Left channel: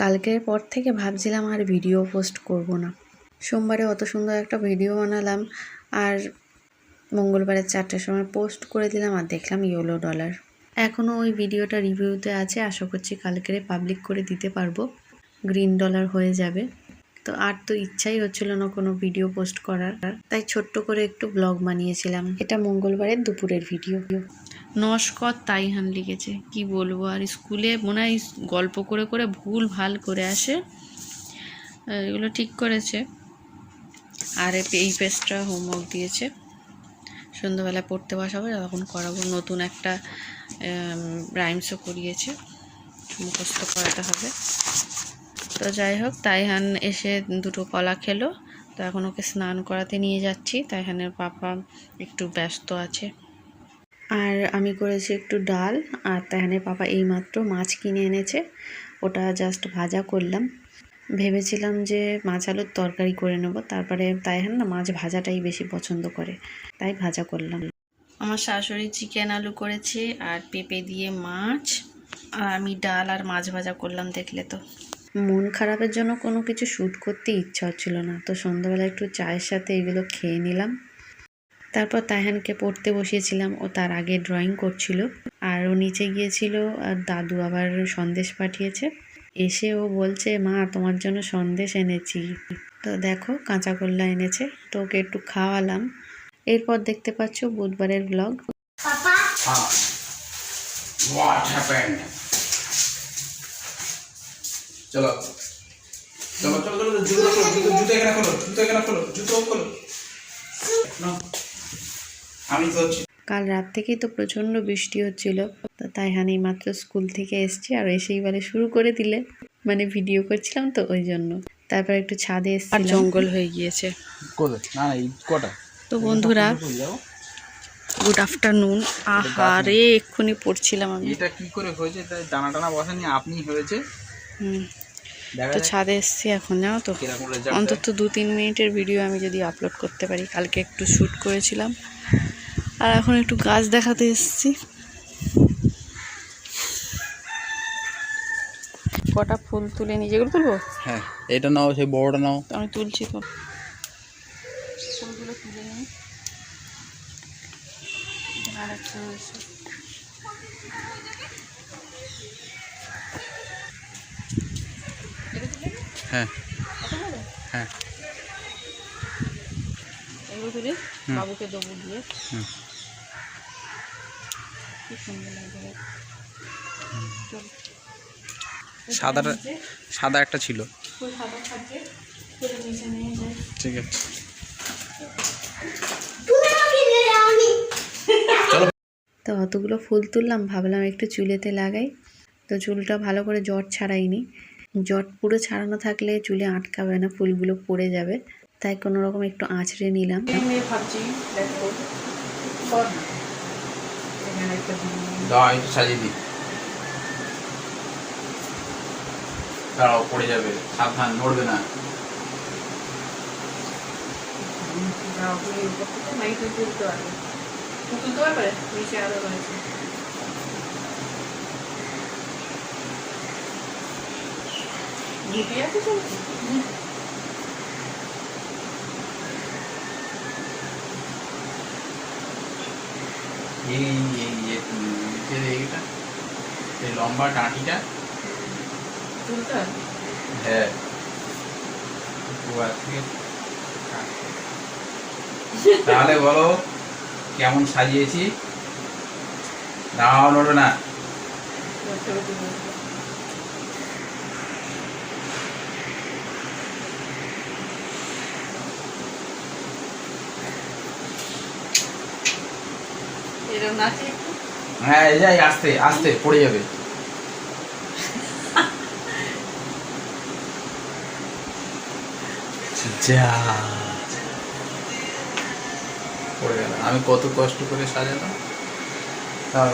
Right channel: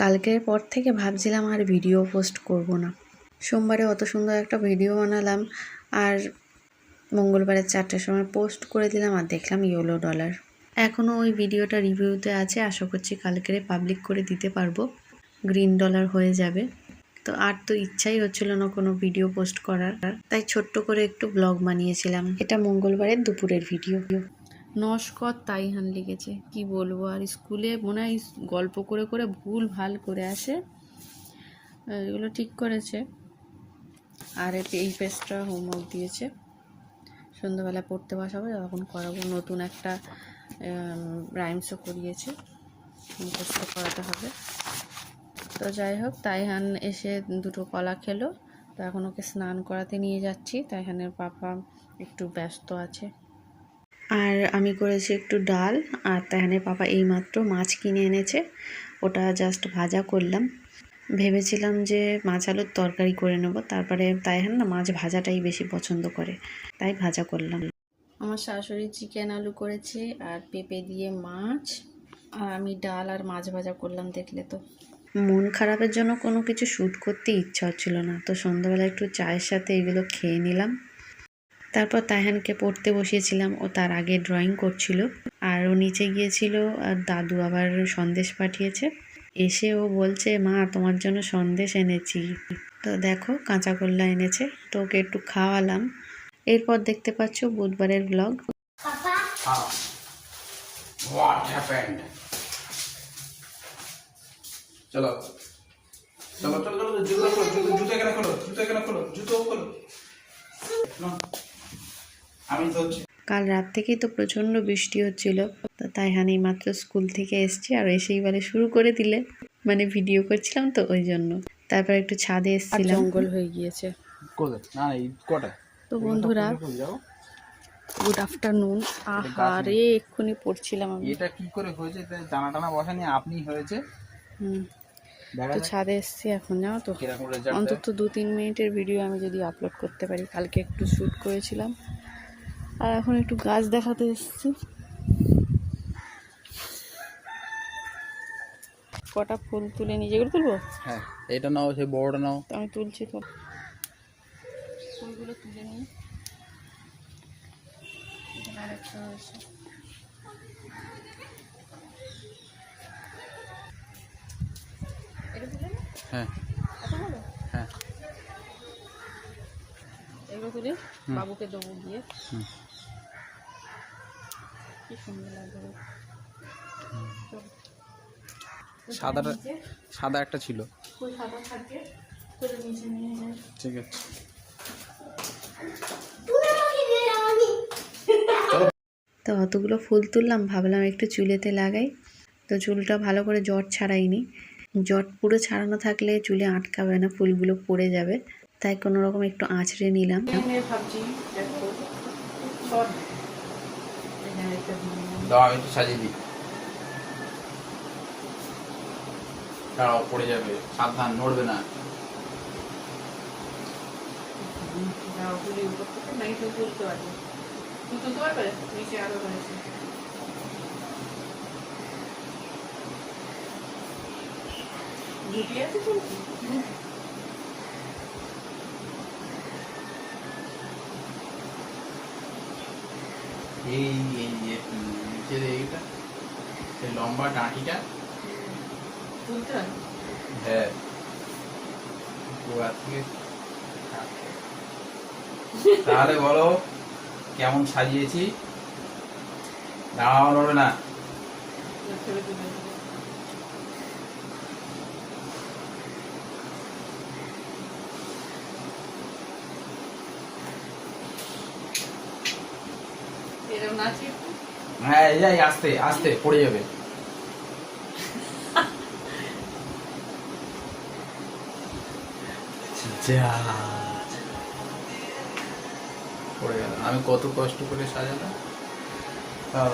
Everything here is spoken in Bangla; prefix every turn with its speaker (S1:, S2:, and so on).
S1: কালকের পর থেকে ভাবছিলাম আর ভিডিও পোস্ট করব না। সোমবারে অত সুন্দর একটা ভিডিও বানালাম আর মঙ্গলবারের চারটের সময় পোস্ট করে দিলাম আর দেখলাম ইয়েলো ডলার এখনও ওই ভিডিওটা রিভিউতে আছে, আশা করছি কালকেরে পাবলিক করে দিতে পারব। গ্রিন ডলার হয়ে যাবে। তো আর তো ইচ্ছাই হচ্ছিল না কোনো ভিডিও পোস্ট করার। তাই ছোট্ট করে একটু ব্লগ বানিয়েছিলাম। এটা মঙ্গলবারের দুপুরের ভিডিও
S2: নস্কর তাইহান লিখেছে। কি বলব আর স্কুলে মনে হয় গল্প করে করে ভুল ভালো করে আসে। এগুলো ঠিক করেছে। আর এই পেজটা হোমওয়ার্ক দিয়েছে। সন্ধ্যাবেলা পড়তে বসাবো তখন করাবো। নতুন একটা রাইমসও করিয়েছে। মুখস্থ করাতে হবে। তো যাই হোক, তাইহান এসে দুটো কলা খেলো। তো এখন ওকে স্নান করাতে নিয়ে যাচ্ছি। তাইহানের পাপা একটু ব্যস্ত আছে।
S1: আর আমি করেছি একটু ডাল আর তাহানের পাপা এইমাত্র মাছ কিনে এনেছে। ওটা জাস্ট ভাজা করলাম। ভেবেছিলাম যে মাছ আলুর তরকারি করে নেব তারপরে তাইহান না মাছ ভাজাটাই বেশি পছন্দ করে তাই ভাজা করলাম।
S2: আমার শাশুড়ি চিকেন আলু করেছে আর পেঁপে দিয়ে মাছ আর আমি ডাল আর মাছ ভাজা করলাম দেখলে তো।
S1: মন খারাপের জন্য কোনো কিছু শ্যুট করতে ইচ্ছা হচ্ছিল না তো সন্ধ্যাবেলা একটু চায়ের সাথে এগুলো খেয়ে নিলাম। তারপর তাইহানকে পড়তে বসিয়েছিলাম ও তার আগে ড্রয়িং করছিল। আর ও নিচে গিয়েছিল আর দাদু আবার সন্দেশ পাঠিয়েছে। এসে ও বলছে মা তোমার জন্য সন্দেশ এনেছি। তো দেখো কাঁচা কল্লা এনেছে। তো ওকে একটু খাওয়ালাম। এরপর দেখতে পাচ্ছ বুধবারের ব্লগ
S3: Huh? চলো। চলো চলো চলো জুতো জুতো জুতো এখানে খোলো জুতো এখানে খোলো জুতো খোলো। নাও। আমি ধরছি
S1: কাল রাত থেকেই তো প্রচণ্ড বৃষ্টি হচ্ছিল। তো তাই হানি মাত্র স্কুল থেকে এসছি আর এসেই বলে শুরু করে দিলে। মানে ভিডিও করছিলাম তো ওই জন্য। তারপর একটু ছাদে এসেছিলাম।
S2: জঙ্গল হয়ে গিয়েছে।
S3: কোথায় না না এই কটা?
S2: তো বন্ধুরা গুড আফটারনুন আহারে এক্ষুনি পড়ছিলাম আমি।
S3: এটা কি করে হয়েছে? তাই টানা টানা বসানি আপনি হয়েছে?
S2: হুম, তো ছাদে এসছি এখন জানো তো? অন্তত দু তিন মিনিটের ভিডিও আমি যদি আপলোড করতে পারি। কালকে একটু শ্যুট করেছিলাম। আর এখন একটু গাছ দেখাতে এসেছি। কটা ফুল তুলে নিয়ে যেগুলো তুলবো?
S3: হ্যাঁ এটা নাও সেই বড়টা নাও।
S2: আমি তুলছি তো?
S3: হ্যাঁ। হ্যাঁ।
S2: এগুলো তুলি বাবুকে দেবো দিয়ে।
S3: হুম।
S2: কি সুন্দর লাগবে দেখ।
S3: সাদা একটা ছিল।
S2: সাদা
S3: ঠিক আছে।
S1: তো অতগুলো ফুল তুললাম ভাবলাম একটু চুলেতে লাগাই। তো চুলটা ভালো করে জট ছাড়াইনি। জট পুরো ছাড়ানো থাকলে চুলে আটকাবে না ফুলগুলো পড়ে যাবে। তাই কোনো রকম একটু আঁচড়ে নিলাম
S2: ভাবছি দেখো সর এখানে একটা
S3: দাও একটু সাজিয়ে দিই। দাঁড়াও পড়ে যাবে। সাবধান নড়বে না। এই এই এইটা এই লম্বা ডাঁটিটা হ্যাঁ। তাহলে বলো কেমন সাজিয়েছি? দাঁড়াও নড়বে না।
S2: এরকম একটু
S3: হ্যাঁ যাই আস্তে আস্তে পড়ে যাবে। যা। পড়ে গেল। আমি কত কষ্ট করে সাজালাম। হ্যাঁ।